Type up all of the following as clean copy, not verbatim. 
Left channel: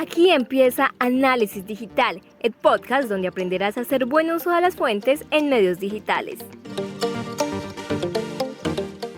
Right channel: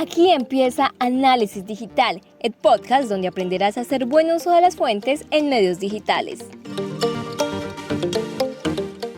Aquí empieza Análisis Digital, el podcast donde aprenderás a hacer buen uso de las fuentes en medios digitales.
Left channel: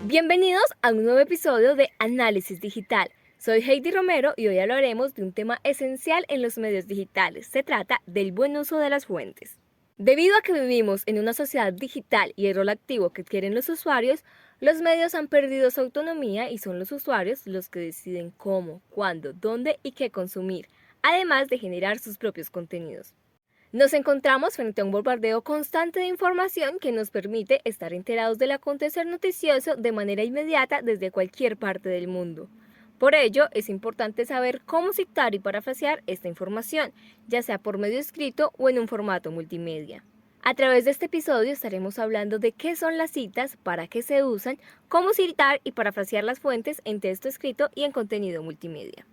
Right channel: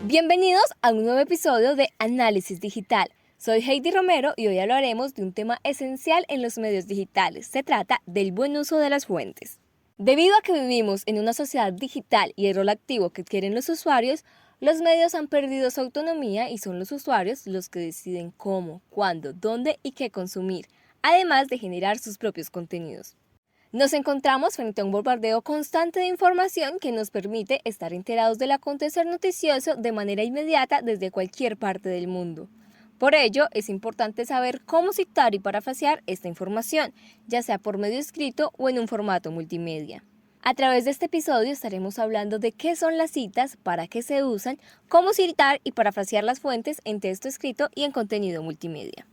Bienvenidos a un nuevo episodio de Análisis Digital. Soy Heidi Romero y hoy hablaremos de un tema esencial en los medios digitales. Se trata del buen uso de las fuentes. Debido a que vivimos en una sociedad digital y el rol activo que quieren los usuarios, los medios han perdido su autonomía y son los usuarios los que deciden cómo, cuándo, dónde y qué consumir, además de generar sus propios contenidos. Nos encontramos frente a un bombardeo constante de información que nos permite estar enterados del acontecer noticioso de manera inmediata desde cualquier parte del mundo. Por ello, es importante saber cómo citar y parafrasear esta información, ya sea por medio escrito o en un formato multimedia. A través de este episodio estaremos hablando de qué son las citas, para qué se usan, cómo citar y parafrasear las fuentes en texto escrito y en contenido multimedia.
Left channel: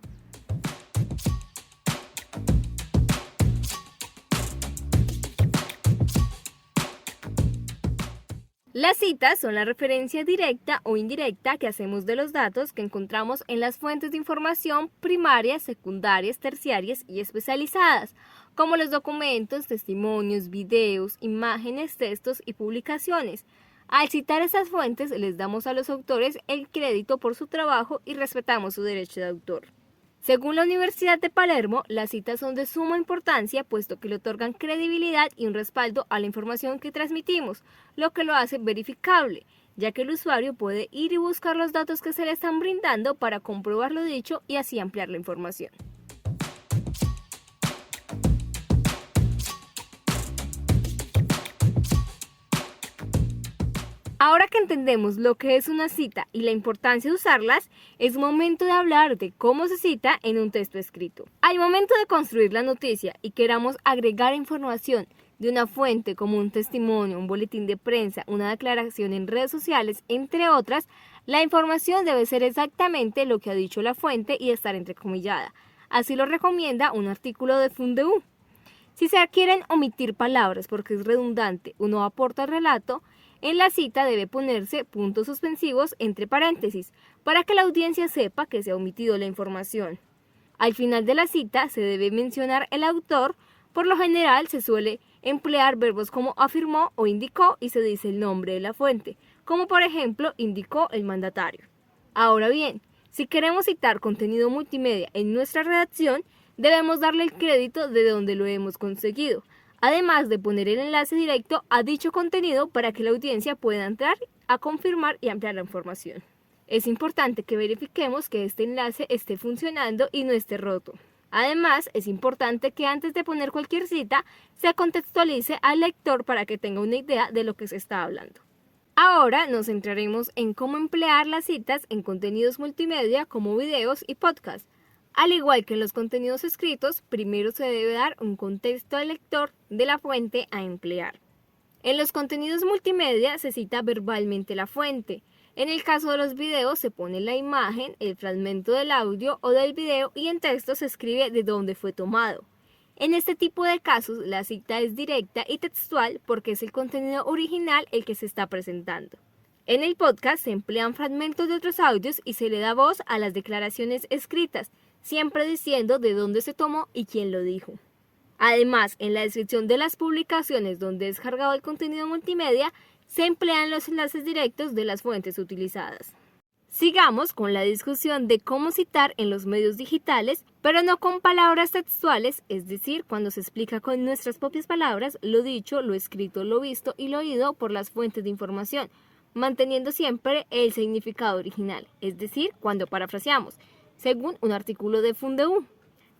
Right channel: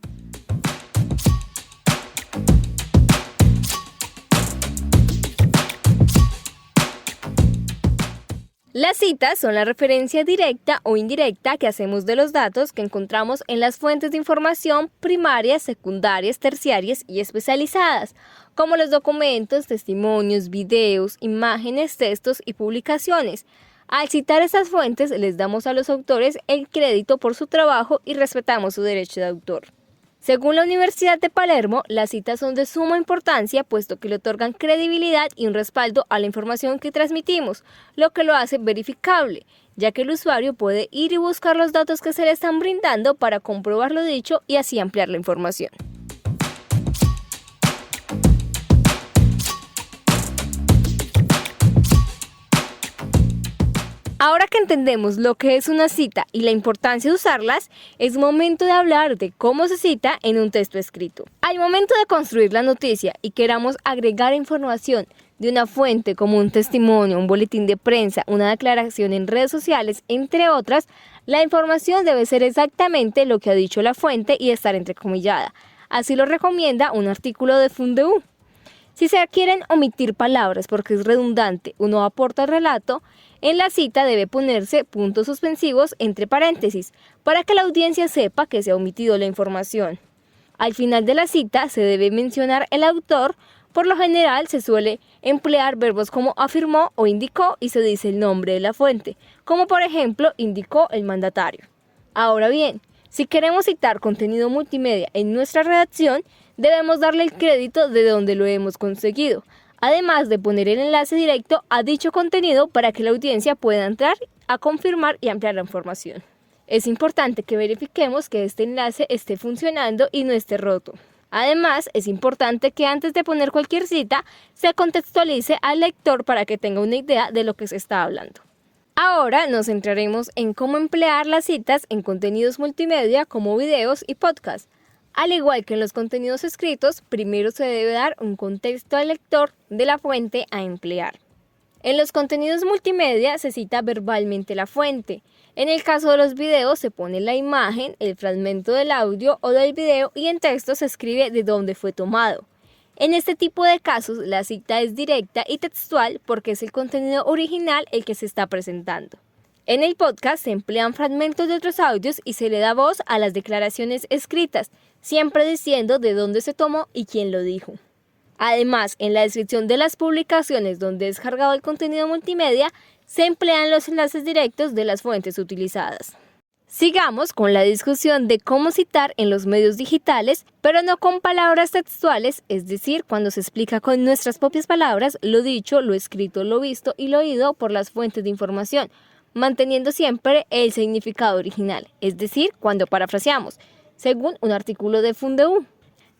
Las citas son la referencia directa o indirecta que hacemos de los datos que encontramos en las fuentes de información primarias, secundarias, terciarias y especializadas, como los documentos, testimonios, videos, imágenes, textos y publicaciones. Al citar estas fuentes, les damos a los autores el crédito por su trabajo y respetamos su derecho de autor. Según la Universidad de Palermo, las citas son de suma importancia puesto que le otorgan credibilidad y un respaldo a la información que transmitimos, lo que lo hace verificable, ya que el usuario puede ir y buscar los datos que se le están brindando para comprobar lo dicho y así ampliar la información. Ahora que entendemos lo que es una cita y la importancia de usarlas, es momento de hablar de cómo se cita en un texto escrito. Al momento de construir la noticia y queramos agregar información de una fuente como un testimonio, un boletín de prensa, una declaración en redes sociales, entre otras, la información debe ser exactamente lo que ha dicho la fuente y estar entrecomillada. Así lo recomienda un artículo de Fundeu. Si se quieren omitir palabras porque es redundante o no aporta al relato, en la cita debe ponerse puntos suspensivos entre paréntesis para que la audiencia sepa que se ha omitido la información. Al final de la cita se debe mencionar el autor. Por lo general se suele emplear verbos como afirmó o indicó y se dice el nombre de la fuente, como por ejemplo indicó el mandatario. Ahora bien, si queremos citar contenido multimedia en nuestra redacción, debemos darle el crédito de donde lo hemos conseguido, además de poner el enlace directo a dicho contenido para que la audiencia pueda entrar a confirmar y ampliar la información. Es importante que verifiquemos que este enlace esté funcionando y no esté roto. Además, es importante que antes de poner cualquier cita, se contextualice al lector para que tenga una idea de lo que se está hablando. Ahora nos centraremos en cómo emplear las citas en contenidos multimedia como videos y podcasts. Al igual que en los contenidos escritos, primero se debe dar un contexto al lector de la fuente a emplear. En los contenidos multimedia se cita verbalmente la fuente. En el caso de los videos se pone la imagen, el fragmento del audio o del video y en texto se escribe de dónde fue tomado. En este tipo de casos la cita es directa y textual porque es el contenido original el que se está presentando. En el podcast se emplean fragmentos de otros audios y se le da voz a las declaraciones escritas, siempre diciendo de dónde se tomó y quién lo dijo. Además, en la descripción de las publicaciones donde es cargado el contenido multimedia, se emplean los enlaces directos de las fuentes utilizadas. Sigamos con la discusión de cómo citar en los medios digitales, pero no con palabras textuales, es decir, cuando se explica con nuestras propias palabras lo dicho, lo escrito, lo visto y lo oído por las fuentes de información, manteniendo siempre el significado original, es decir, cuando parafraseamos, según un artículo de Fundeu.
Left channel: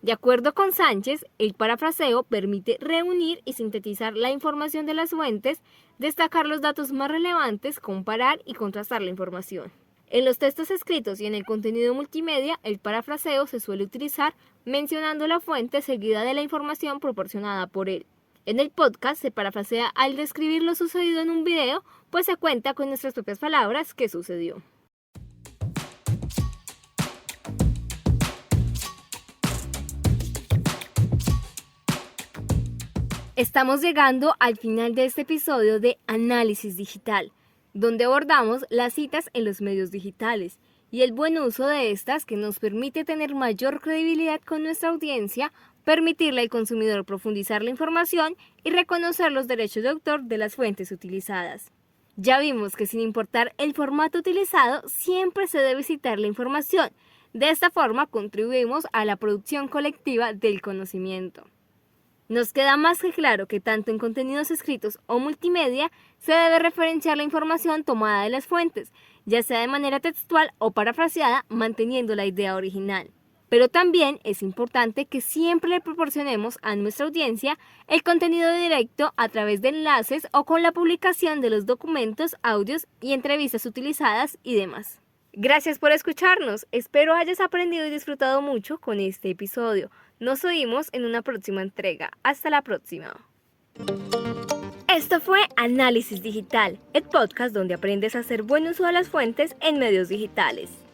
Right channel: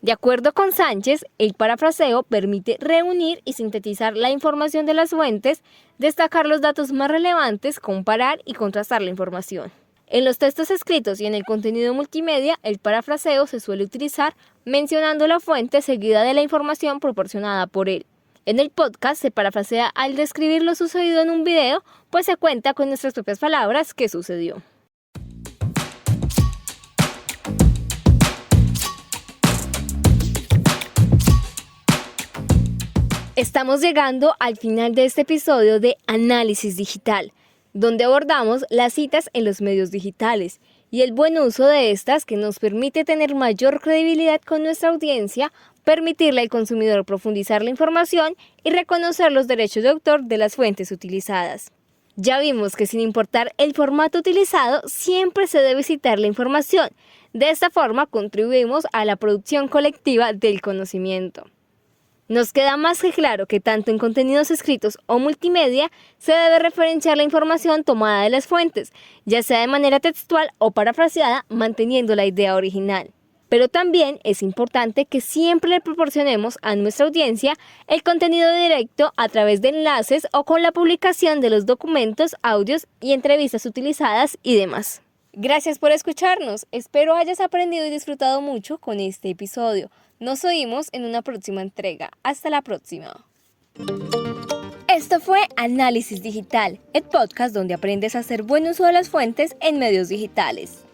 De acuerdo con Sánchez, el parafraseo permite reunir y sintetizar la información de las fuentes, destacar los datos más relevantes, comparar y contrastar la información. En los textos escritos y en el contenido multimedia, el parafraseo se suele utilizar mencionando la fuente seguida de la información proporcionada por él. En el podcast se parafrasea al describir lo sucedido en un video, pues se cuenta con nuestras propias palabras qué sucedió. Estamos llegando al final de este episodio de Análisis Digital, donde abordamos las citas en los medios digitales y el buen uso de estas que nos permite tener mayor credibilidad con nuestra audiencia, permitirle al consumidor profundizar la información y reconocer los derechos de autor de las fuentes utilizadas. Ya vimos que sin importar el formato utilizado, siempre se debe citar la información. De esta forma contribuimos a la producción colectiva del conocimiento. Nos queda más que claro que tanto en contenidos escritos o multimedia se debe referenciar la información tomada de las fuentes, ya sea de manera textual o parafraseada, manteniendo la idea original. Pero también es importante que siempre le proporcionemos a nuestra audiencia el contenido directo a través de enlaces o con la publicación de los documentos, audios y entrevistas utilizadas y demás. Gracias por escucharnos. Espero hayas aprendido y disfrutado mucho con este episodio. Nos oímos en una próxima entrega. Hasta la próxima. Esto fue Análisis Digital, el podcast donde aprendes a hacer buen uso de las fuentes en medios digitales.